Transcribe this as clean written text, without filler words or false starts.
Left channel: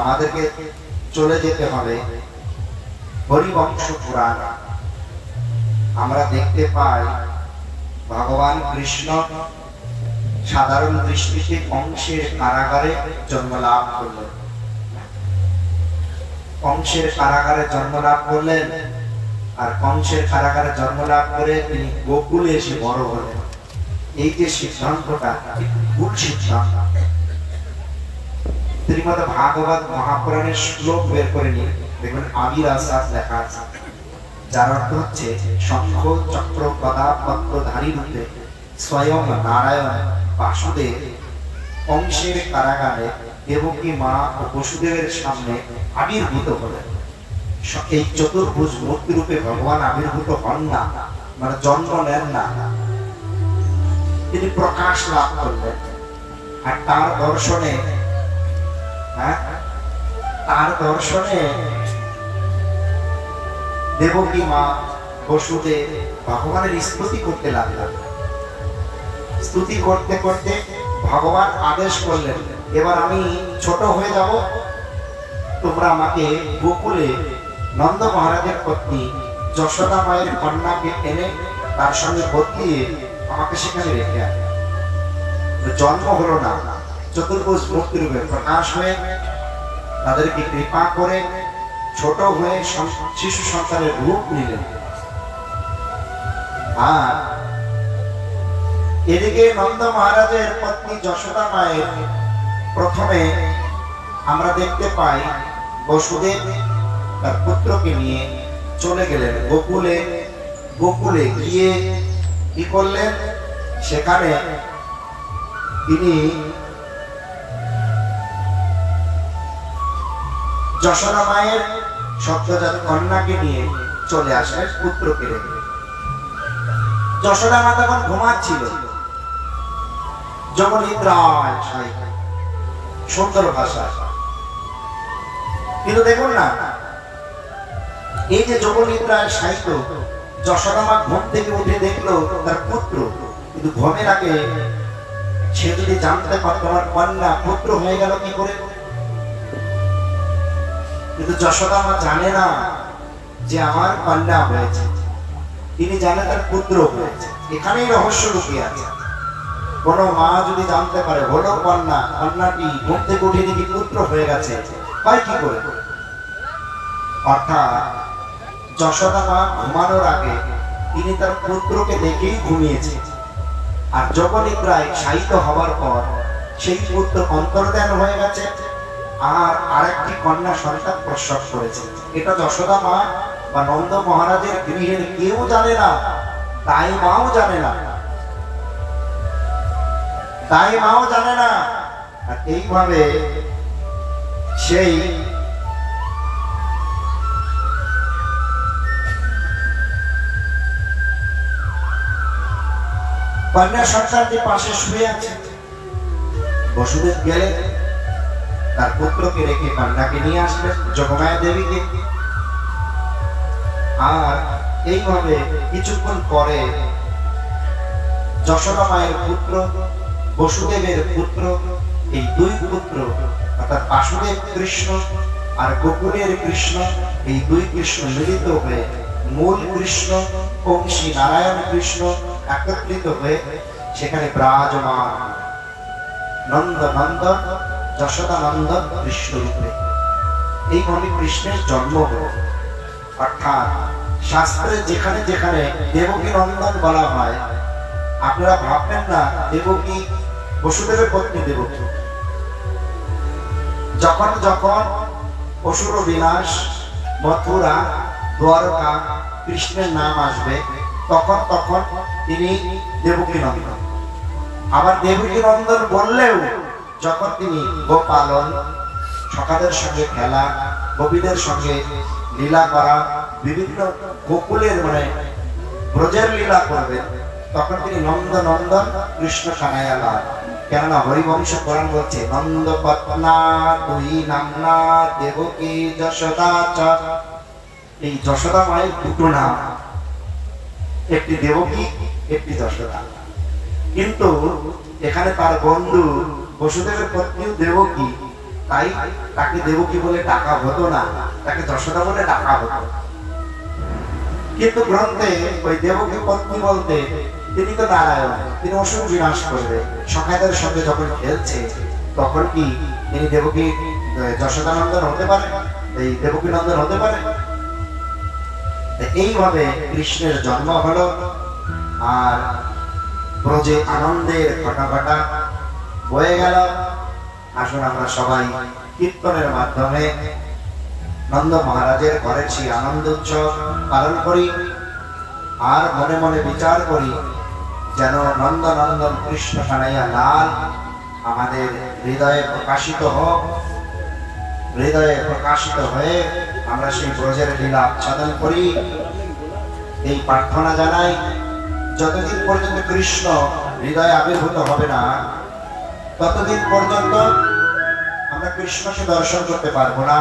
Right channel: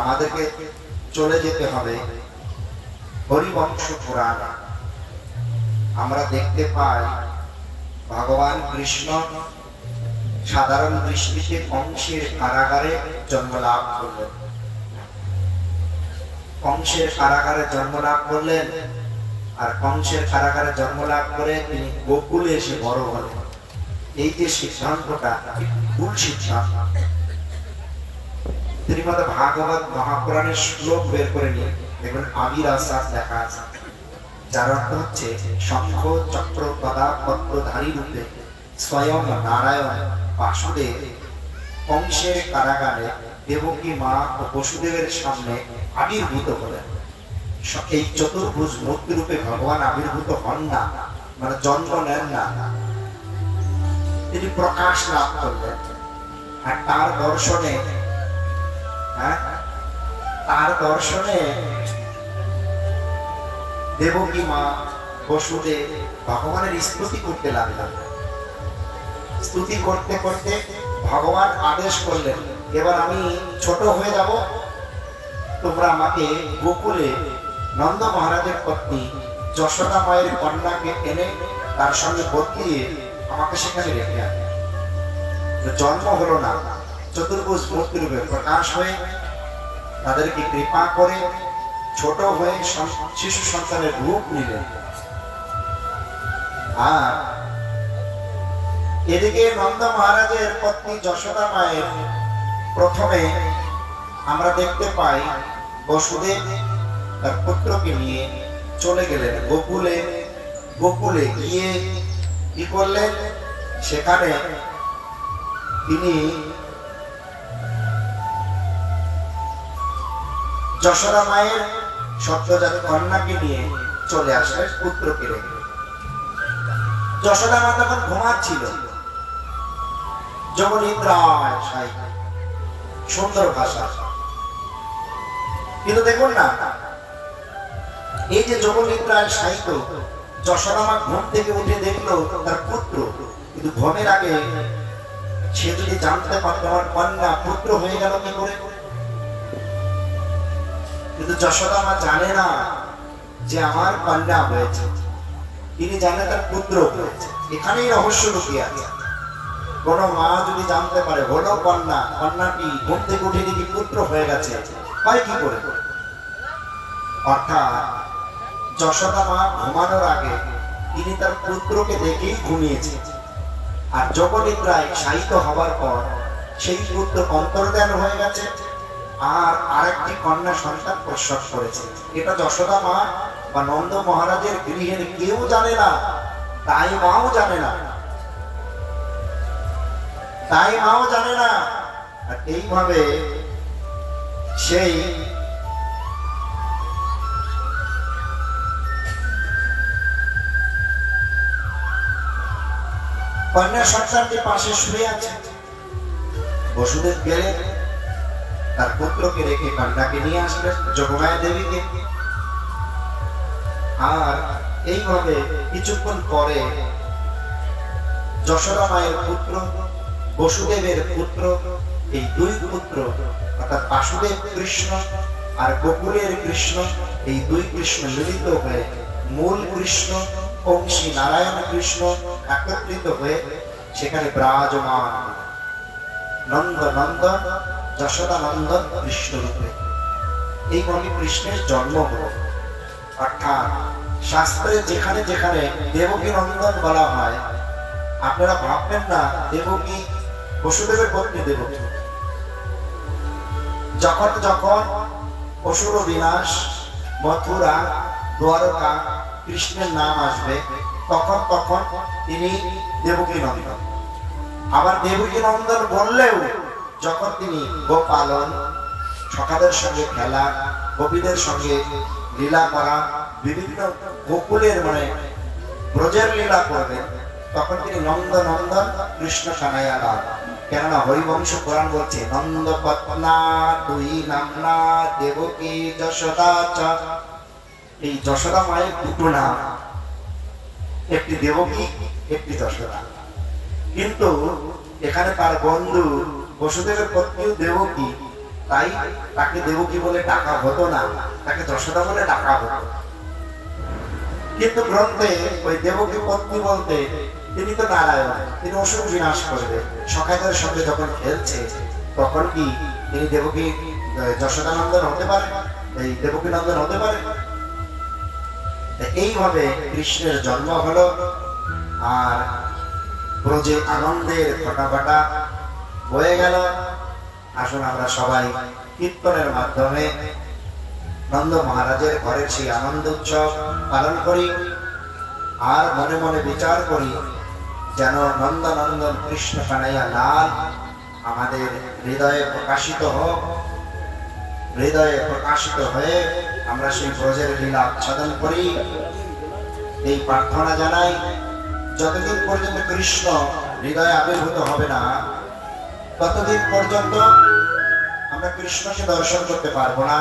আমাদেরকে চলে যেতে হবে হরিবংশ পুরাণ। আমরা দেখতে পাই ভগবান কৃষ্ণ সাধারণ দৃষ্টিতে কংসের কারাগারে জন্ম লাভ করলেন। কংসের কারাগারে জন্ম লাভ করলেন, আর কংসের কারাগারে জন্ম লাভ করে তিনি গোকুলে এসে বড় হলেন। এই যে সিদ্ধান্তটা ভুল সিদ্ধান্ত। শ্রীমদ্ ভাগবত মহাপুরাণের শ্লোক বের করে নিয়ে দেখুন, আবির আসাদ লেখা আছে, যার অর্থ হচ্ছে শঙ্খ চক্র গদা পদ্মধারী রূপে স্বয়ং নারায়ণ বাসুদেব কংসের কারাগারে দেবকী মা ও বসুদেবের সামনে আবির্ভূত হলেন। এই চতুর্ভুজ মূর্তি রূপে ভগবান আবির্ভূত হন না, মানে জন্ম নেন না, তিনি প্রকাশ লাভ করলেন। আর তার দর্শনে দেবকী মা বসুদেব ভগবানের স্তুতি করতে লাগলেন। স্তুতি করতে করতে ভগবান আদেশ করলেন, এবার আমি ছোট হয়ে যাব, তোমরা আমাকে গোকুলে নন্দ মহারাজের পত্নী যশোদা মায়ের কন্যাকে এনে তার সঙ্গে বদলিয়ে আমাকে সেখানে রেখে আনে। জন্ম হলো না, চতুর্ভুজ মূর্তি রূপে প্রকাশ হয়ে তাদেরকে কৃপা করে ছোট হয়ে শিশু সন্তানের রূপ নিলেন। আর এদিকে নন্দ মহারাজের পত্নী যশোদা মায়ের প্রথমে আমরা দেখতে পাই বসুদেব তার পুত্রকে নিয়ে চলে গেলেন গোকুলে। গোকুলে গিয়ে কি করলেন, সেখানে তিনি যশোদা মায়ের সদ্যজাত কন্যাকে নিয়ে চলে আসলেন পুত্রকে রেখে। যশোদা মা তখন ঘুমাচ্ছিল, জগনিদ্রায় শায়িত, সুন্দর ভাষা। কিন্তু দেখুন না, এই যে জগনিদ্রায় শায়িত যশোদা মা ঘুম থেকে উঠে দেখলো তার পুত্র, কিন্তু ঘুমের আগে সে যদি জানতে পারত আমার কন্যা পুত্র হয়ে গেল কি করে। কিন্তু যশোদা মা জানে না যে আমার কন্যা হয়েছে, তিনি জানেন তার পুত্র হয়েছে। এখানেই রহস্য লুকিয়ে আছে। কোন মা যদি জানতে পারে হলো কন্যা, কন্যাটি ঘুম থেকে উঠে দেখি পুত্র হয়ে গেছে, তাই কি করে। অর্থাৎ যশোদা মা ঘুমানোর আগে তিনি তার পুত্রকে দেখেই ঘুমিয়েছে, আর জগনিদ্রায় শায়িত হবার পর সেই পুত্র অন্তর্ধান হয়ে গেছে, আর আরেকটি কন্যা সন্তান প্রসব করেছে। এটা যশোদা মা বা নন্দ মহারাজের গৃহের কেউ জানে না, তাই মাও জানে না, তাই মাও জানে না। আর এইভাবে সেই কন্যা সন্তানটি পাশে শুয়ে আছে। বসুদেব গেলেন, তার পুত্রকে রেখে কন্যাকে নিয়ে আসলেন, যোগমায়া দেবীকে। আর এইভাবে কিছুক্ষণ পরে যশোদা মায়ের পুত্র, বসুদেবের পুত্র, এই দুই পুত্র অর্থাৎ বাসুদেব কৃষ্ণ আর গোকুলের কৃষ্ণ, এই দুই কৃষ্ণ মিলিত হয়ে মূল কৃষ্ণ কংসী নারায়ণ কৃষ্ণ একত্রিত হয়ে সেখানে বিরাজমান নন্দ নন্দন যশোদা নন্দন কৃষ্ণ রূপে। এইভাবে কৃষ্ণের জন্ম হল। অর্থাৎ শাস্ত্রে যেখানে যেখানে দেবকী নন্দন বলা হয়, আপনারা ভাববেন না দেবকী বসুদেবের পত্নী দেবকী। যখন যখন অসুর বিনাশ, মথুরা, দ্বারকা কৃষ্ণের নাম আসবে, তখন তখন তিনি দেবকী নন্দন। আবার দেবকী নন্দন বললেও যখন তিনি গোপালন, সখাদের সঙ্গে খেলা, গোপীদের সঙ্গে লীলা করা, বিভিন্ন গোকুলের মানে ব্রজের লীলা করবেন, তখন তিনি নন্দ নন্দন কৃষ্ণ কানাইয়া। কেননা হরিবংশ পুরাণ বলছে নন্দ পত্না দুই নামনা দেবকী যশোদা চ। এই যশোদা মায়ের দুটো নাম, একটি দেবকী, একটি যশোদা। কিন্তু এখানে তার বন্ধু বসুদেবের পত্নী দেবকী, তাই তাকে দেবকী বলে ডাকা হতো না, তাকে যশোদা বলে ডাকা হতো। কিন্তু গ্রন্থে ওই দেবকী পত্নী বলতে তিনি তো নারায়ণ, তিনি অসুর বিনাশ করবে। সখাদের সঙ্গে যখন খেলছে তখন কি তিনি দেবকী যশোদানন্দন হতে পারে, এই দেবকী নন্দন হতে পারে? এইভাবে কৃষ্ণের জন্ম হলো, আর ব্রজে আনন্দের ঘটা বয়ে গেল। আসুন আমরা সবাই কীর্তনের মাধ্যমে নন্দ মহারাজের ঘরের সেই আনন্দ উৎসব পালন করি, আর মনে মনে বিচার করি যেন নন্দনন্দন কৃষ্ণ কানাইয়া লাল আমাদের হৃদয়ে প্রকাশিত হোক। হৃদয়ে প্রকাশিত হয়ে আমরা সেই ব্রজের লীলা আচ্ছাদন করি, এই প্রার্থনা জানাই। যতদিন পর্যন্ত কৃষ্ণ হৃদয়ে আবির্ভূত হবে না, ততদিন পর্যন্ত আমরা কৃষ্ণকে দর্শন করতে পারবো না।